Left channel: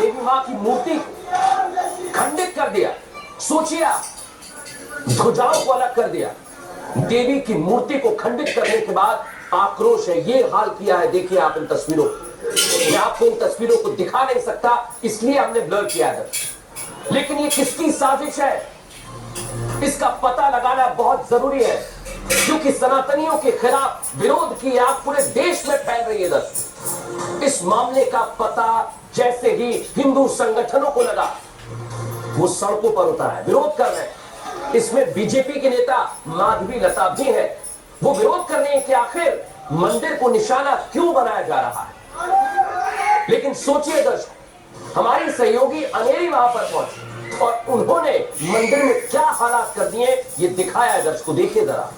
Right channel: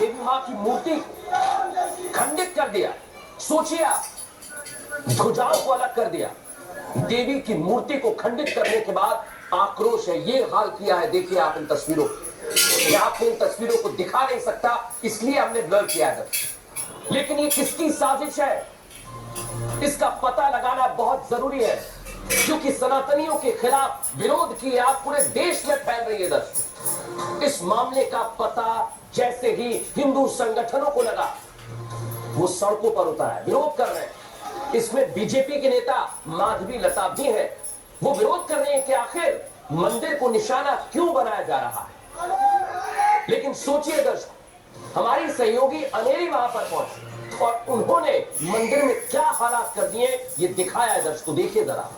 देवी मां की मूर्ति खंडित कर दिया। सोचिए आप, ध्वजाओं को अलग कर दिया, देवी की मूर्ति को खंडित करने के बाद आक्रोश है। ये हाल किया है, देखिए आप इन तस्वीरों, मैं आपको इन तस्वीरों को दिखा नहीं सकता इसलिए हमने ब्लर किया है। लेकिन ये किसकी साजिश है, इसका पता लगाना बहुत जरूरी है, क्योंकि सनातनियों के खिलाफ विरोध की आग पूरे देश में फैल रही है। इस मामले का पता जैसे ही हिंदू संगठनों को लगा, वो सड़कों पर उतरा है, विरोध कर रहे हैं। इसमें बीजेपी के नेता माधवी लता भी है। वो विरोध कर रहे हैं कि आखिर मंदिर को निशाना क्यों बनाया जा रहा है। लेकिन सोचिए दर्शक, हमारी सहयोगी अनेरी वहां पर पहुंची और उन्होंने मंदिर में क्या हालात कर दिए ये दिखाया है। दर्शकों देखिए जरा,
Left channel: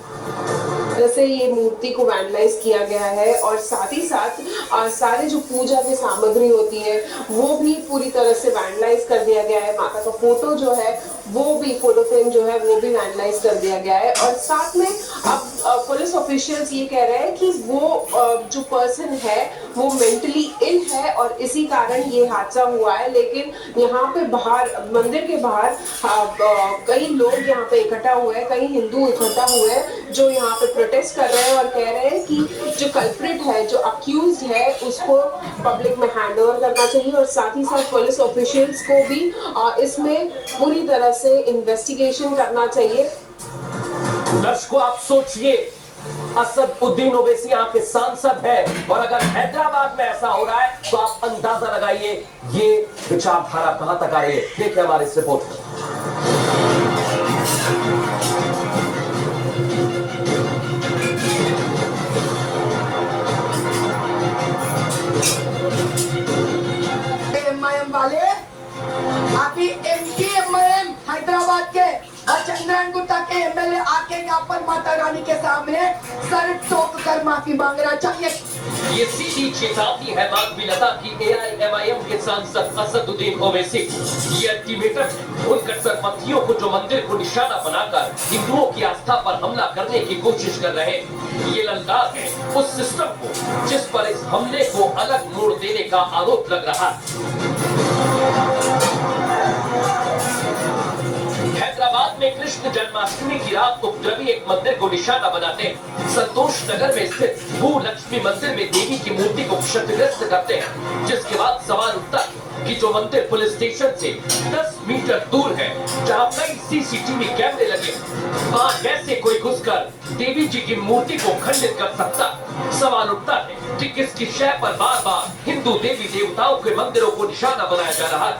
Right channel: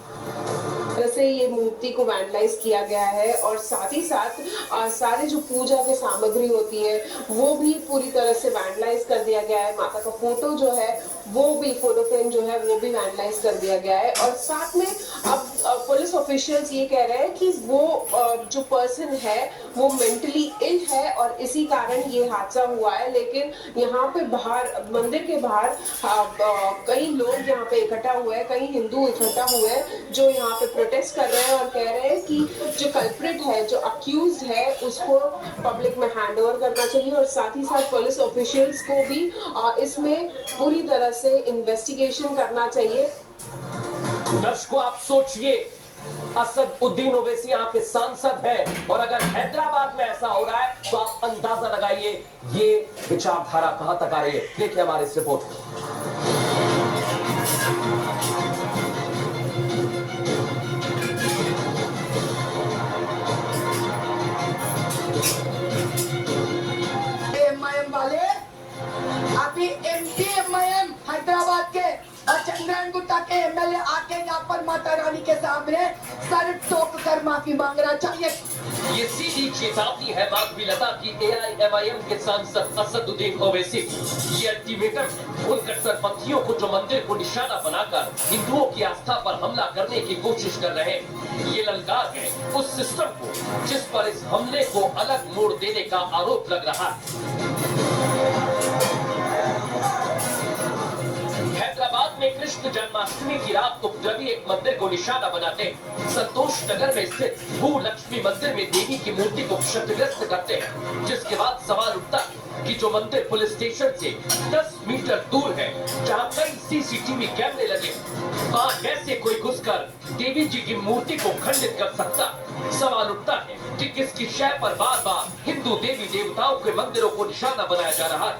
जैसे ये मूर्ति को वैंडलाइज किया गया है और साथ ही साथ सारे जो पूजा की सामग्री होती है वो भी पूरी तरह से वैंडलाइज कर दिया गया है। माता का फोटो जो है वो भी, फोटो फ्रेम जो है वो भी वैंडलाइज कर दिया गया है। और साथ में अब पुलिस ऑफिशियल्स ये कह रहे हैं कि वो जो पर्सन है वो मेंटली इल है और इसी कारण ये हादसा हुआ है। लेकिन यहाँ पे बाहर, मंदिर के बाहर कई लोग यहाँ पे इकट्ठा हुए हैं, कई हिंदू इकट्ठा हुए हैं जो यहाँ पे प्रोटेस्ट कर रहे हैं और कह रहे हैं कि जो कल्प्रिट है, जो अक्यूज्ड है, उसको पब्लिक में हैंड ओवर करना चाहिए और साथ ही साथ पुलिस ऑफिशियल्स को भी इसमें पूरी तरह से इन्वेस्टिगेशन करना चाहिए। दर्शकों आप सोचिए, असदुद्दीन ओवैसी यहाँ के सांसद है और अगर हैदराबाद में ऐसा हो रहा है तो आप अंदाजा लगाइए ये विचारधारा कहां तक आ रही है। देखिए हमारी इस रिपोर्ट में। अभी एमडीएमएम हैदराबाद के चंद्रन गुप्ता के एमएलए आके यहाँ पर माता रानी के सामने सर ठोक कर माफी मांग रहा। चलिए, ये सीधी चेतावनी है माधवी लता की एआईएमआईएम के सांसद असदुद्दीन ओवैसी। ये अल्टीमेटम उन कट्टरपंथियों को जो मंदिर को निशाना बनाकर हिंदुओं की आस्था पर हमला करने की कोशिश कर रहे हैं। ये ललकार है उस सिस्टम को जिस पर इस हमले को अलग मोड़ देने का आरोप लग रहा है। हैदराबाद में कृष्ण जन्माष्टमी की रात को उपद्रवी एक मंदिर को निशाना बनाते हैं। संतोष नगर में स्थित भूलक्ष्मी मंदिर में देवी की मूर्ति को क्षतिग्रस्त करते हैं, जिसके बाद सवाल उठता है कि जो मंदिर पुलिस स्टेशन से 10 मीटर दूर है, जहां कई सीसीटीवी कैमरे लगे, वहां कैसे कोई घुसकर देवी जी की मूर्ति को खंडित कर सकता। सवाल उठता है कि किसकी शय पर बार बार हिंदू देवी देवताओं के मंदिरों को निशाना बनाया जा रहा है।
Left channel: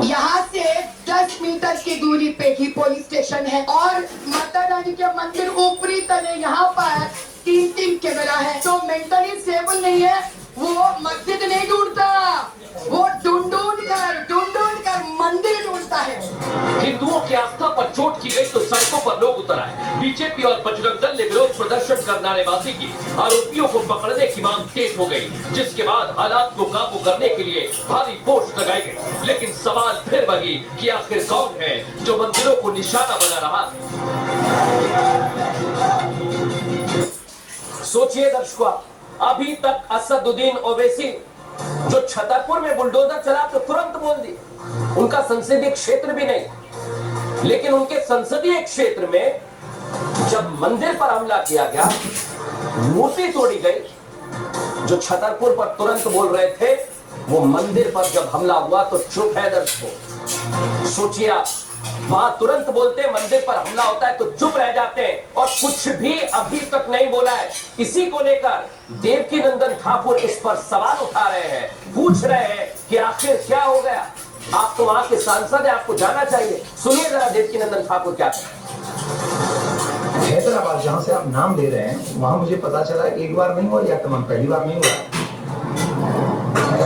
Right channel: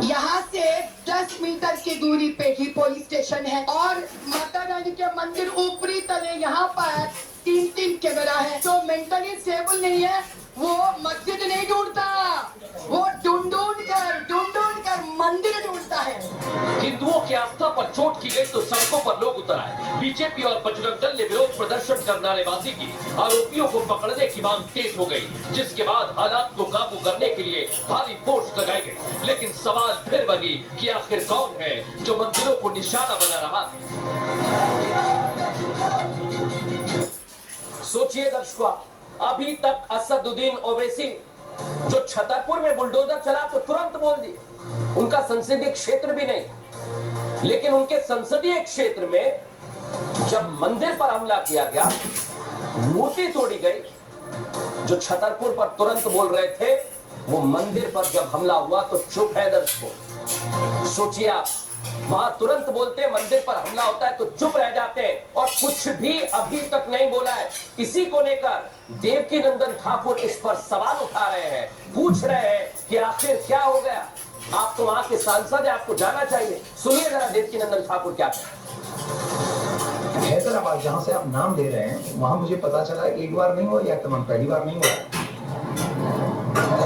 यहाँ से 10 मीटर की दूरी पे ही पुलिस स्टेशन है और माता रानी के मंदिर ऊपरी तले यहाँ पर 3 कैमरा है। तो मेंटली स्टेबल नहीं है, वो मस्जिद नहीं ढूंढता, वो ढूंढ कर मंदिर ढूंढता है। हिंदुओं की आस्था पर चोट की गई तो सड़कों पर लोग उतर आए। बीजेपी और बजरंग दल ने विरोध प्रदर्शन कर नारेबाजी की। आरोपियों को पकड़ने की मांग तेज हो गई, जिसके बाद हालात को काबू करने के लिए भारी फोर्स लगाई गई। लेकिन सवाल फिर बनी कि आखिर कौन है जो मंदिरों को निशाना बना रहा है। सोचिए दर्शकों, अभी तक असदुद्दीन ओवैसी जो छतरपुर में बुलडोजर चला तो तुरंत बोल दी, उनका संसदीय क्षेत्र भी नहीं, लेकिन उनके संसदीय क्षेत्र में जब मंदिर पर हमला किया गया, मूर्ति तोड़ी गई, जो छतरपुर पर तुरंत बोल रहे थे वो मंदिर पर जब हमला हुआ तो चुप है। दर्शकों सोचिए आप, वहां तुरंत बोलते हैं, मंदिर पर हमला होता है तो चुप रह जाते हैं और कुछ भी अभी तक नहीं बोला है। इसी को लेकर देवकीनंदन ठाकुर इस पर सवाल उठा रहे हैं, पूछ रहे हैं कि आखिर क्या हो गया। आप तो वहां के सांसद हैं, आपको जाना चाहिए। सुनिए जरा देवकीनंदन ठाकुर क्या। हैदराबाद जहां से आप नाम ले रहे हैं वहां मुझे पता चला एक बार नहीं हुआ, या आक्रमण पहली बार नहीं हुआ,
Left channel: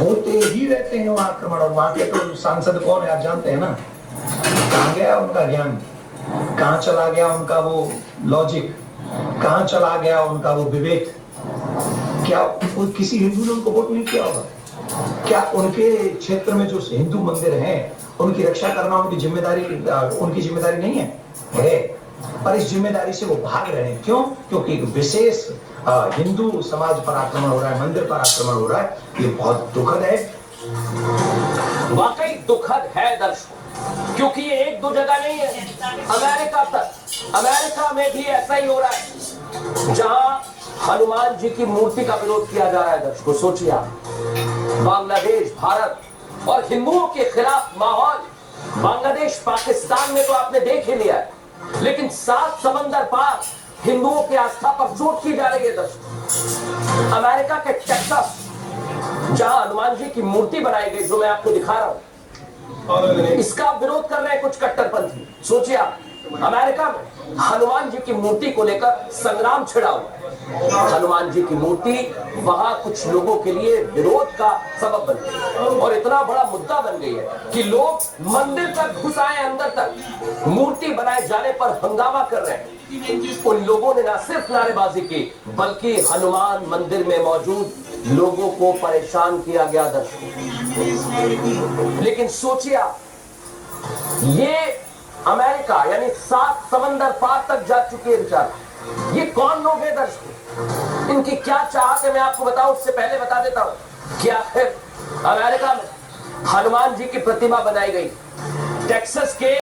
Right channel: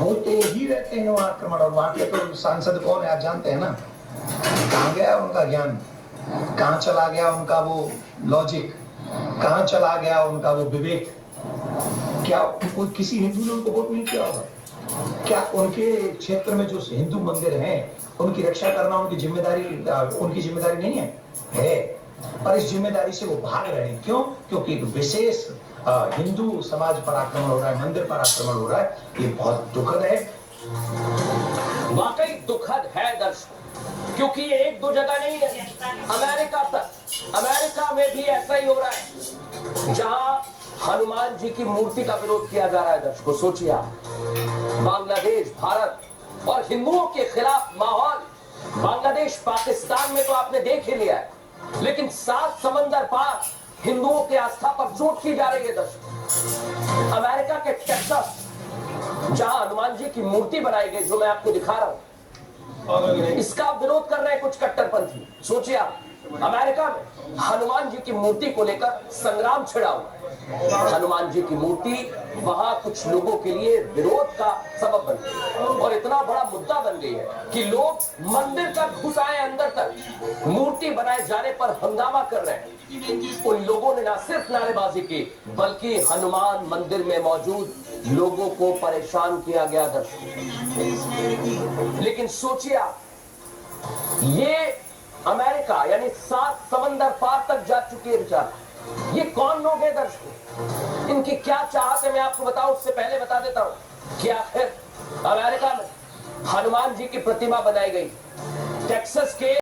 होते ही रहते हैं वहां आक्रमण। और वहां के तो सांसद कौन है आप जानते हैं ना। कहाँ गया उनका ज्ञान, कहाँ चला गया उनका वो लॉजिक, कहाँ चला गया उनका वो विवेक। क्या किसी हिंदू ने उनको वोट नहीं किया होगा? क्या उनके क्षेत्र में जो हिंदू मंदिर हैं उनकी रक्षा करना उनकी जिम्मेदारी नहीं है? पर इस जिम्मेदारी से वो भाग रहे हैं। क्यों? क्योंकि एक विशेष हिंदू समाज पर आक्रमण हो रहा है, मंदिर पर आक्रमण हो रहा है। ये बहुत दुखद है। वाकई दुखद है दर्शकों, क्योंकि ये एक दो जगह नहीं है, अमेरिका में भी ऐसा ही हो रहा है, जहां हनुमान जी की मूर्ति का विरोध किया जा रहा है। दर्शकों सोचिए आप, बांग्लादेश, भारत और हिंदुओं के खिलाफ माहौल। बांग्लादेश, पाकिस्तान में तो आपने देख ही लिया है, लेकिन 7 समंदर पार हिंदुओं की आस्था पर चोट की जा रही है। दर्शकों अमेरिका के टेक्सास, जहां हनुमान जी की मूर्ति बनाई गई, जो मैं आपको दिखा रहा हूं, इसका विरोध कर रहे हैं कुछ कट्टरपंथी। सोचिए आप, अमेरिका में हनुमान जी की मूर्ति को लेकर संग्राम छिड़ा हुआ है। हनुमान जी की मूर्ति वहां कुछ लोगों के लिए विरोध का सबब बन गई और इतना बड़ा मुद्दा बन गई है कि लोग मंदिर तक घुस आए, अंदर तक मूर्ति बनाए जाने पर हंगामा कर रहे हैं। उन लोगों ने न सिर्फ नारेबाजी की, बल्कि हनुमान मंदिर में मौजूद लोगों को परेशान किया गया। दर्शकों लेकिन सोचिए आप, ये अमेरिका यानी 7 समंदर पार तक जा चुके हैं बेचारा। ये कौन लोग हैं दर्शकों, इनकी क्या चाहत है मैं आपको बताऊं। उससे पहले बता देता हूं कि आखिर अमेरिका में हनुमान जी की प्रतिमा बनाई गई टेक्सास के